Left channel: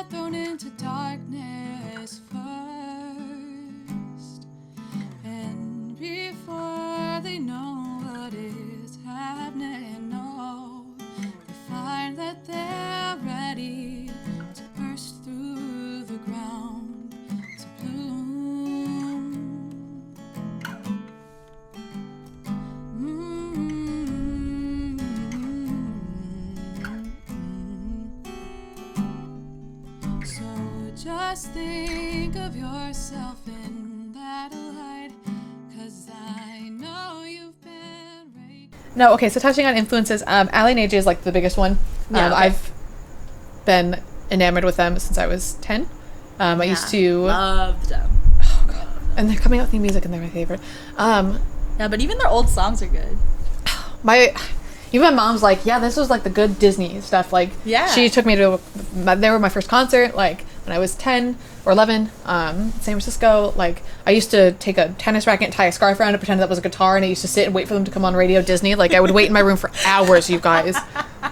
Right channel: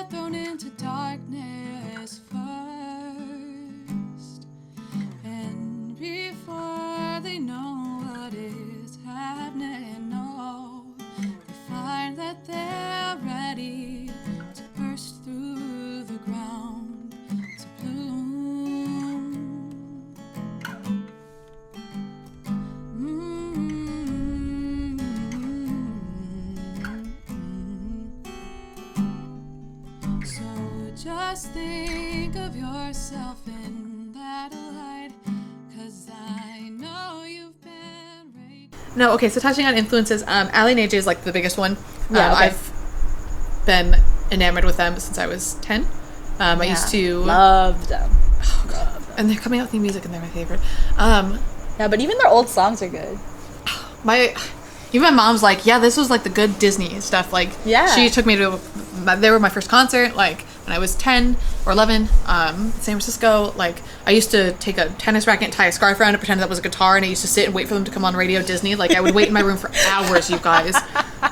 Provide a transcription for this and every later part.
get thrown into darkness first. And before they know what is happening, no, they find that they're ready to burst through the ground to bloom. So just think of yourself in that light, 'cause I know you've been raped. No, okay, so touching on influences, Ali and AJ is like the biggest one. Yeah, okay. I've been enamored with them since I was 10. I used to love them. Oh god. And they're coming out with new music and they're my favorite. Yeah, but even their old songs are good. Even my mom's like, yeah, this was like the good Disney stuff. Like, Yeah. she took me to, they were my first concert, like, when I was 10 or 11, San Francisco. Like, I used to take a tennis racket and tie a scarf around it, pretend that was a guitar, and I used to sit and wait for them to come on Radio Disney. Like, I would wait in my room for hours, you guys.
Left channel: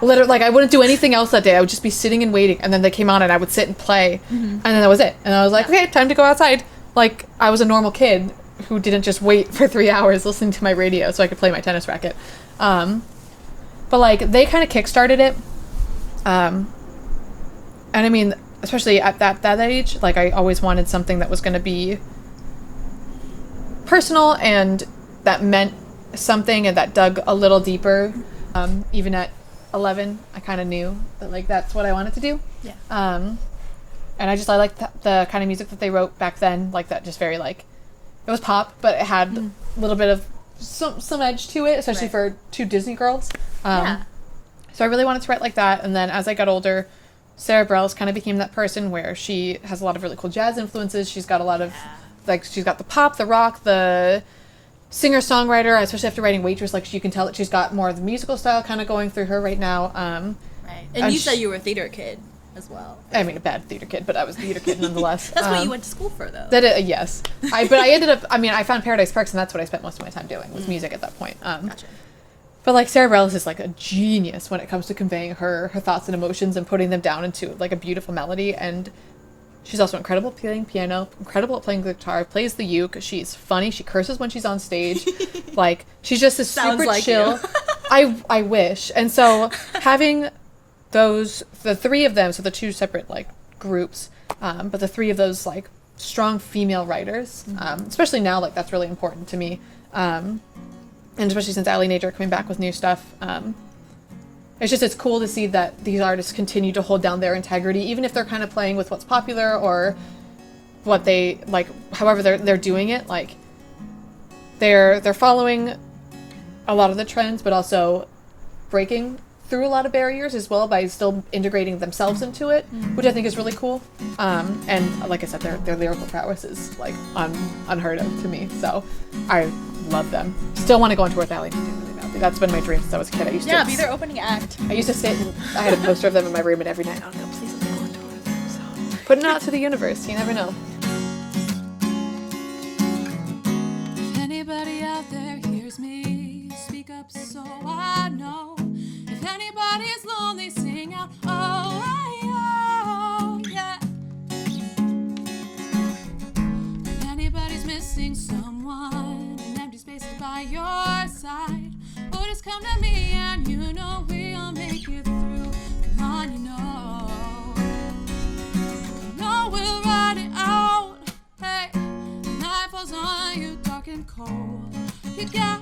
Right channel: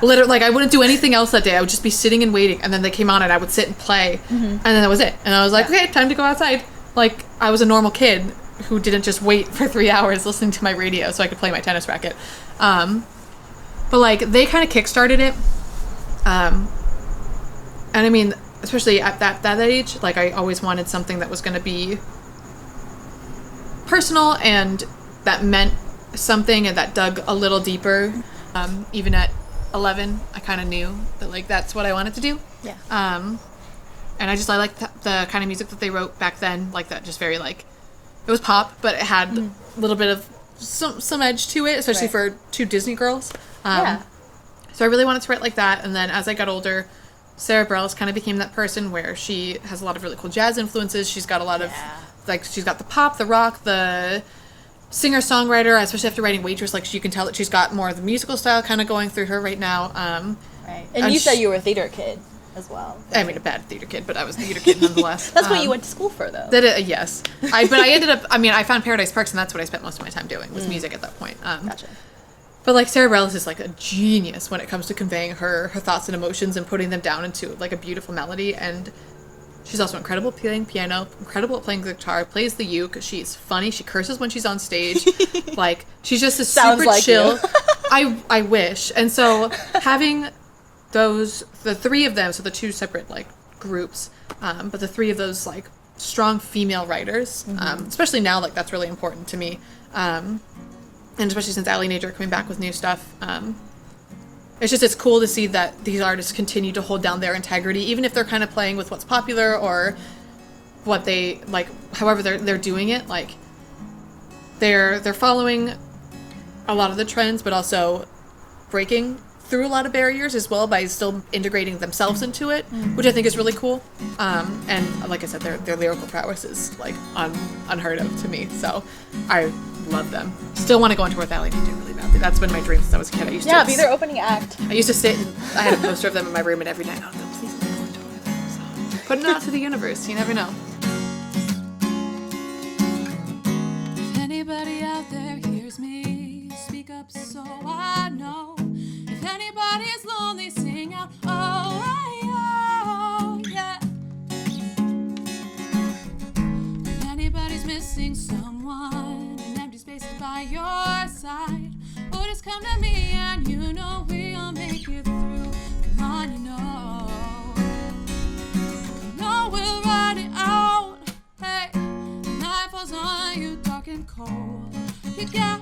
Literally, like, I wouldn't do anything else that day. I would just be sitting and waiting, and then they came on, and I would sit and play, and then that was it. And I was like, okay, time to go outside. Like, I was a normal kid who didn't just wait for 3 hours listening to my radio so I could play my tennis racket. But, like, they kind of kickstarted it. And, I mean, especially at that age, like, I always wanted something that was going to be personal and that meant something and that dug a little deeper. Even at 11, I kind of knew that, like, that's what I wanted to do. Yeah. And I liked the kind of music that they wrote back then, like, that just very, like, it was pop, but it had a little bit of some edge to it, especially for two Disney girls. Yeah. So I really wanted to write like that, and then as I got older, Sarah Bareilles kind of became that person where she has a lot of really cool jazz influences. She's got a lot of, like, she's got the pop, the rock, the singer-songwriter, especially after writing Waitress, like, you can tell that she's got more of the musical style kind of going through her right now. Right. And you said you were a theater kid as well. I mean, a bad theater kid, but I was a theater kid nonetheless. That's what you went to school for, though. Yes. But I ended up, I found Paradise Perks, and that's what I spent most of my time doing, was music at that point. Gotcha. But, like, Sarah Bareilles is, like, a genius when it comes to conveying her thoughts and emotions and putting them down into, like, a beautiful melody. And she's also incredible at playing piano, incredible at playing the guitar, plays the uke. She's funny. She curses when she's on stage. Like, she's just a super like chill. I wish. And so having the three of them, so the two separate, like, groups, but the three of those, like, strong female writers, especially now, like, that's really important to me. And especially since Ali and AJ are coming back with new stuff, it's cool to see that these artists continue to hold down their integrity, even if they're kind of playing with what's popular or what they, like, however they're doing it. Like, they're following a lot of the trends, but also breaking through a lot of barriers as well by still integrating themselves into it, which I think is really cool. And like I said, their lyrical prowess is, like, unheard of to me. So I love them. Still want to go on tour with Ali. I do really badly. That's been my dream since I was a kid. I used to be their opening act. I used to sit. I had a poster of them in my room, and every night, oh, no, please let me go on tour with them. So, putting it out to the universe. You never know. If anybody out there hears me, speak up so I know. If anybody's lonely, sing out, oh, yeah. If anybody's missing someone, an empty space is by your side, oh, just come to me and you know we'll make it through. Come on, you know we'll ride it out. Hey, the night falls on you dark and cold. You got